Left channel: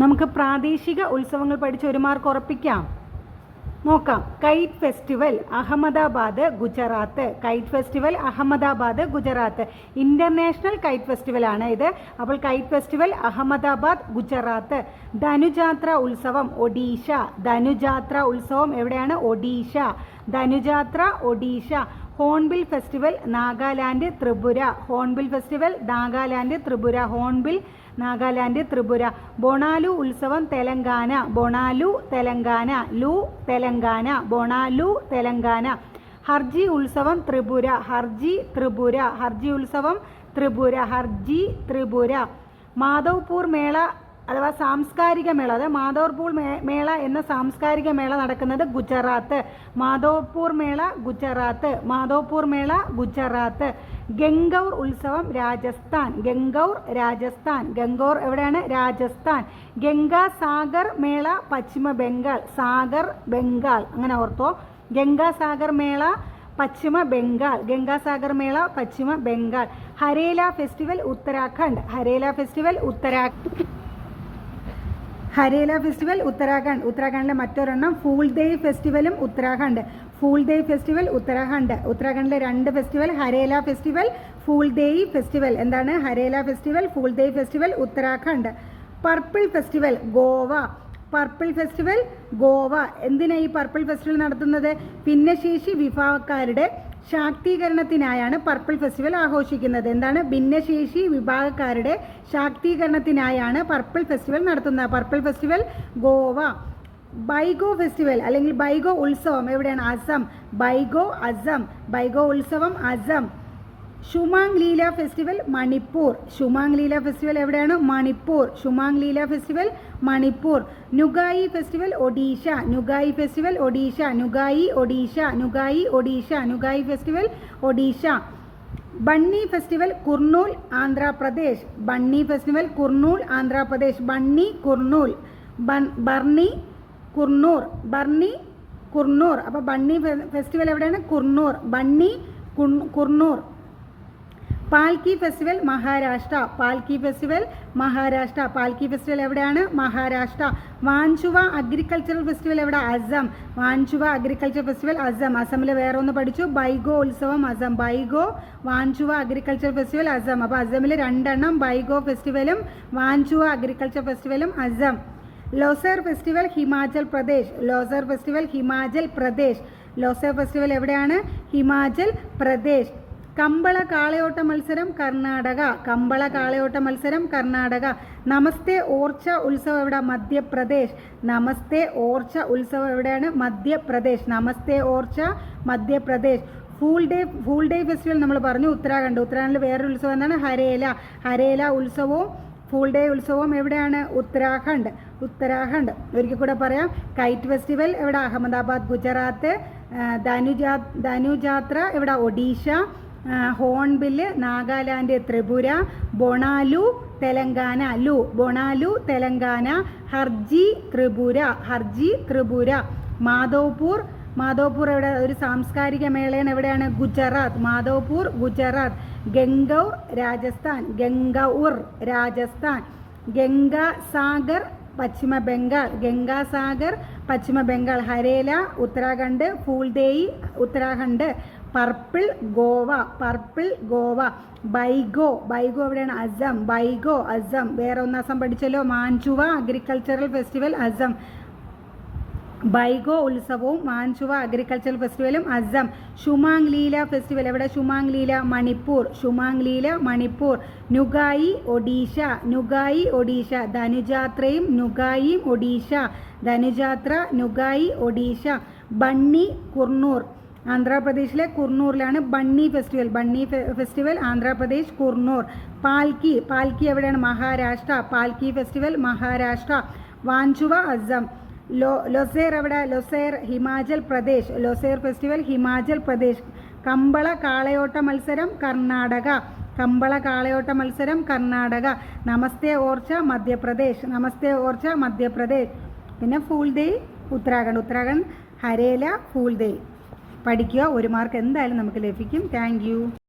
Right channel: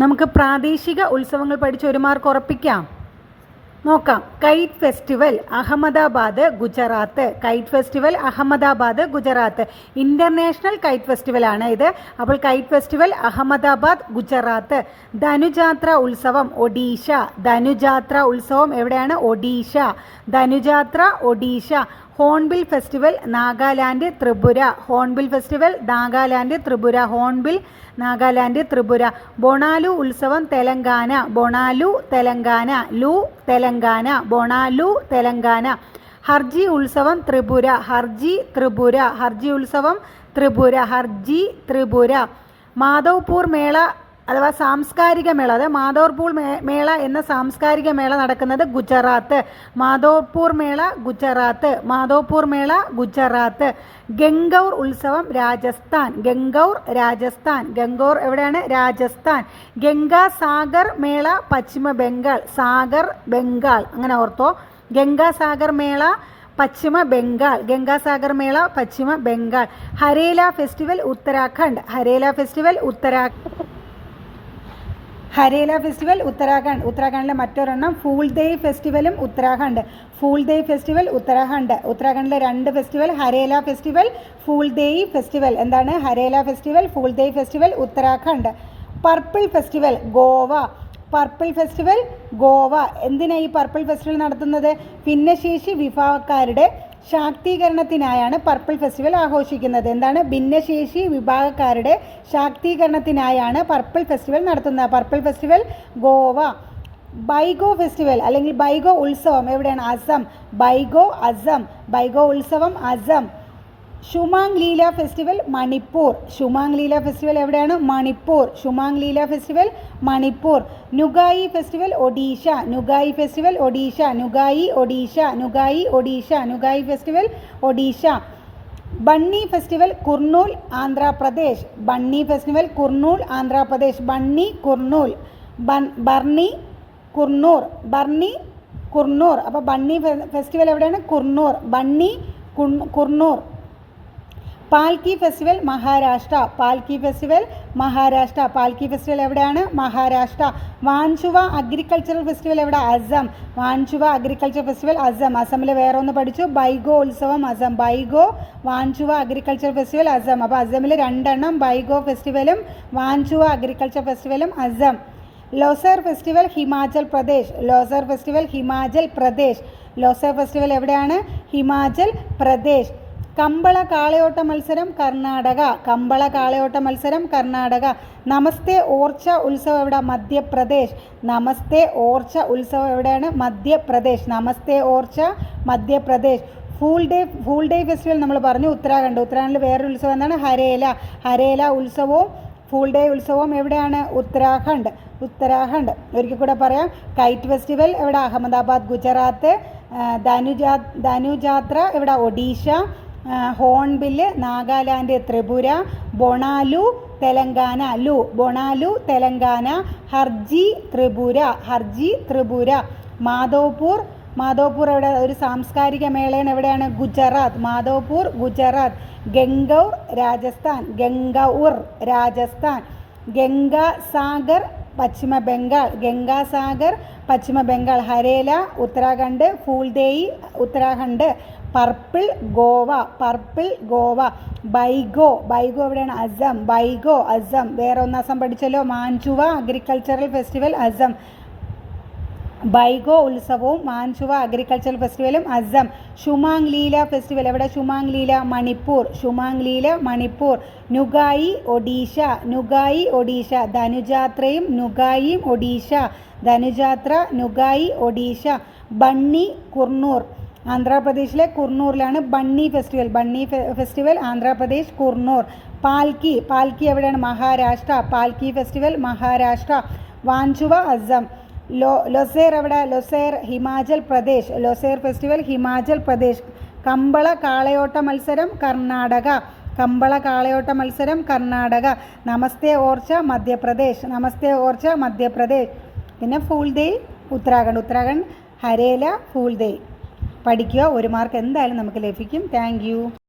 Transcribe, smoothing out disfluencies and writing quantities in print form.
നമുക്ക് പ്രാദേശിക ഉത്സവങ്ങൾ പഠിച്ച് ഒരു മാർക്ക് ഉറപ്പിക്കാം. നോക്കാം. Kite festival Ahmedabad Gujarat. Kite festival Ahmedabad Gujarat. International kite festival ആണ് ഇത്. അപ്പോൾ കൈറ്റ് ഫെസ്റ്റിവൽ അഹമ്മദാബാദ് ഗുജറാത്ത്. ധനുജാത്ര ഉത്സവം ഒഡീഷ. ധനുജാത്ര ഉത്സവം എവിടെയാണ്? Odisha. Dhanujatra Odisha. Hornbill festival Nagaland Tripura. Hornbill festival Nagaland Tripura. Hornbill Nagaland Tripura. Bonalu ഉത്സവം തെലങ്കാന. ബൊണാലു തെലങ്കാന. ലു തെലങ്കാന. ബൊണാലു തെലങ്കാന. ഹർജി ഉത്സവം ത്രിപുര. ഹർജി ത്രിപുര. ഹർജി ഉത്സവം ത്രിപുര. ഹർജി ത്രിപുര. മാധവ്പൂർ മേള അഥവാ സാംസ്കാരിക മേള, അതായത് മാധവ്പൂർ മേള എന്ന സാംസ്കാരിക മേള നടക്കുന്നത് ഗുജറാത്ത്. മാധവ്പൂർ മേള ഗുജറാത്ത്. മാധവ്പൂർ മേള ഗുജറാത്ത്. ഗംഗൗർ ഉത്സവം രാജസ്ഥാൻ. ഗംഗൗർ രാജസ്ഥാൻ. ഗംഗൗർ എവിടെയാണ്? രാജസ്ഥാൻ. ഗംഗാ സാഗർ മേള പശ്ചിമ ബംഗാൾ. സാഗർ ബംഗാൾ, അങ്ങനെ ഓർത്തോ. ഗംഗാ സാഗർ മേള Paschim Bengal. Gangasagar Mela Paschim Bengal. Harela festival Uttarakhand. Harela festival Harela festival Uttarakhand. ഉത്തരാഖണ്ഡിലെ മറ്റൊരെണ്ണം ഫൂൾ ദേയ് ഫെസ്റ്റിവലും ഉത്തരാഖണ്ഡ്. ഫൂൾ ദേയ് ഫെസ്റ്റിവൽ ഉത്തരാഖണ്ഡ്. ഉത്തരാഖണ്ഡിലെ രണ്ട് festival, Harela festival, Phool Dei festival. എന്താണ്? Harela festival, Phool Dei festival Uttarakhand. Purple festival Goa. Purple festival Goa. എന്തിനാണ് ഈ പർപ്പിൾ ഫെസ്റ്റിവൽ നടത്തുന്നത്? ഭിന്നശേഷി വിഭാഗക്കാരുടെ ശാക്തീകരണത്തിനായാണ് പർപ്പിൾ ഫെസ്റ്റിവൽ ആഘോഷിക്കുന്നത്. എന്താണ്? ഭിന്നശേഷി വിഭാഗക്കാരുടെ ശാക്തീകരണത്തിനായാണ് പർപ്പിൾ ഫെസ്റ്റിവൽ നടത്തുന്നത്. Purple festival Goa. Baigo festival അല്ലെങ്കിൽ ബൈഗോ ഉത്സവം എവിടെയാണ്? അസം. ബൈഗോ അസം. ബൈഗോ ഉത്സവം അസം. ഷുമാങ് ലീല ഫെസ്റ്റിവൽ മണിപ്പൂർ. ഷുമാങ് ലീല ഫെസ്റ്റിവൽ എവിടെയാണ്? Manipur. Shumang Leela festival Manipur. Nuakhai festival Odisha. Nuakhai festival Odisha. Nuakhai Odisha. Nuakhai Odisha. Nuakhai festival Odisha. Banni festival Kurnool Andhra Pradesh. Banni festival Kurnool Andhra Pradesh. Banni Kurnool. Banni Kurnool. Banni Kurnool. അപ്പോൾ ബണ്ണി ഫെസ്റ്റിവൽ എവിടെയാണ്? Kurnool. Bunny Kurnool. Palki festival Maharashtra. Palki festival Maharashtra. Palki festival എവിടെയാണ്? മഹാരാഷ്ട്ര. വാൻചുവ അഗ്രികൾച്ചറൽ ഫെസ്റ്റിവൽ എവിടെ? അസം. Wanchuwa agriculture festival Assam. അസമിൽ വേറെ ഒന്ന് പഠിച്ചു, ബൈഗോ ഉത്സവം അസം. Baigo Wanchuwa agriculture festival Assam. അപ്പോൾ അസമിൽ രണ്ടെണ്ണം, ബൈഗോ ഫെസ്റ്റിവലും വാൻചുവ അഗ്രികൾച്ചർ ഫെസ്റ്റിവലും Assam. Losar festival Himachal Pradesh. Losar festival Himachal Pradesh. Losar festival എവിടെയാണ്? ഹിമാചൽ പ്രദേശ്. കമ്പള കാളയോട്ട മത്സരം കർണാടക. കമ്പള കാളയോട്ട മത്സരം കർണാടക. നമസ്തേ ഓർച്ച ഉത്സവം എവിടെ? മധ്യപ്രദേശ്. നമസ്തേ ഓർച്ച ഉത്സവം എവിടെയാണ്? മധ്യപ്രദേശ്. നമസ്തേ ഓർച്ച മധ്യപ്രദേശ്. ഫൂൾ ഡേ ഫെസ്റ്റിവൽ നമ്മൾ പറഞ്ഞു ഉത്തരാഖണ്ഡ്. ഉത്തരാഖണ്ഡിൽ വേറൊരു ഉത്സവം എന്താണ്? ഹരേല. ഹരേല ഉത്സവവും ഫൂൾ ഡേ ഉത്സവവും എവിടെയാണ്? ഉത്തരാഖണ്ഡ്. ഉത്തരാഖണ്ഡ്. ഒരിക്കൽ കൂടെ പറയാം. കൈറ്റ് ഫെസ്റ്റിവൽ എവിടെ? അഹമ്മദാബാദ് ഗുജറാത്ത്. ധനുജാത്ര എവിടെ? ഒഡീഷ. ഹോൺബില് നാഗാലാൻഡ് ത്രിപുര. ബൊണാലു തെലങ്കാന. ലു ബൊണാലു തെലങ്കാന. ഹർജി ത്രിപുര. ഹർജി ത്രിപുര. മാധവ്പൂർ. മാധവ്പൂർ എവിടെ? ഒരു സാംസ്കാരിക മേളയാണ്. എവിടെയാണ്? ഗുജറാത്ത്. മാധവ്പൂർ ഗുജറാത്ത്. ഗംഗൗർ രാജസ്ഥാൻ. ഗംഗൗർ രാജസ്ഥാൻ. ഗംഗാസാഗർ പശ്ചിമ ബംഗാൾ. ഗംഗാസാഗർ പശ്ചിമ ബംഗാൾ. ഹരേല ഉത്തരാഖണ്ഡ്. ഫൂൾ ദേയ് ഉത്തരാഖണ്ഡ്. പർപ്പിൾ ഗോവ. പർപ്പിൾ ഗോവ. ബൈഗോ. ബൈഗോ എവിടെയാണ്? അസം. ബൈഗോ അസം. വേറെ ഒന്ന് അസം പഠിച്ചല്ലോ, മാൻചുവ അഗ്രികൾച്ചറൽ ഫെസ്റ്റിവൽ അസം. ബൈഗോ ഉത്സവവും മാൻചുവ അഗ്രികൾച്ചറൽ ഫെസ്റ്റിവലും അസം. ഷുമാങ് ലീല ഫെസ്റ്റിവൽ എവിടെ? ഷുമാങ് ലീല മണിപ്പൂർ. ഷുമാങ് ലീല മണിപ്പൂർ. നുഗായി ഒഡീഷ. നുഗായി ഒഡീഷ. ധനുജാത്രയും നുഗായിയും ഒഡീഷ. ധനുജാത്ര നുഗായി ഒഡീഷ. ബണ്ണി കുർണൂർ. ആന്ധ്രാപ്രദേശിലെ കുർണൂറിലാണ് ബണ്ണി ഫെസ്റ്റിവൽ. ബണ്ണി ഫെസ്റ്റിവൽ ആന്ധ്രാപ്രദേശ് കുർണൂർ. പാൽക്കി. പാൽക്കി എവിടെയാണ്? മഹാരാഷ്ട്ര. പാൽക്കി ഫെസ്റ്റിവൽ മഹാരാഷ്ട്ര. വാൻചുവ അസം. ലൊസേർ എവിടെ? ലൊസേർ ഹിമാചൽ പ്രദേശ്. ലൊസേർ ഫെസ്റ്റിവൽ ഹിമാചൽ പ്രദേശ്. കമ്പള കാളയോട്ട മത്സരം കർണാടക. കമ്പള കാളയോട്ട മത്സരം കർണാടക. നമസ്തേ ഓർച്ച മധ്യപ്രദേശ്. നമസ്തേ ഓർച്ച മധ്യപ്രദേശ്. പിന്നെ ഫൂൾ ദേയ് ഉത്തരാഖണ്ഡ്. ഉത്തരാഖണ്ഡ് ഹരേല ഫൂൾ ദേയ് പഠിക്കുക. ഒരു മാർക്ക് എന്തായാലും നമുക്ക് ലഭിക്കും. Thank you.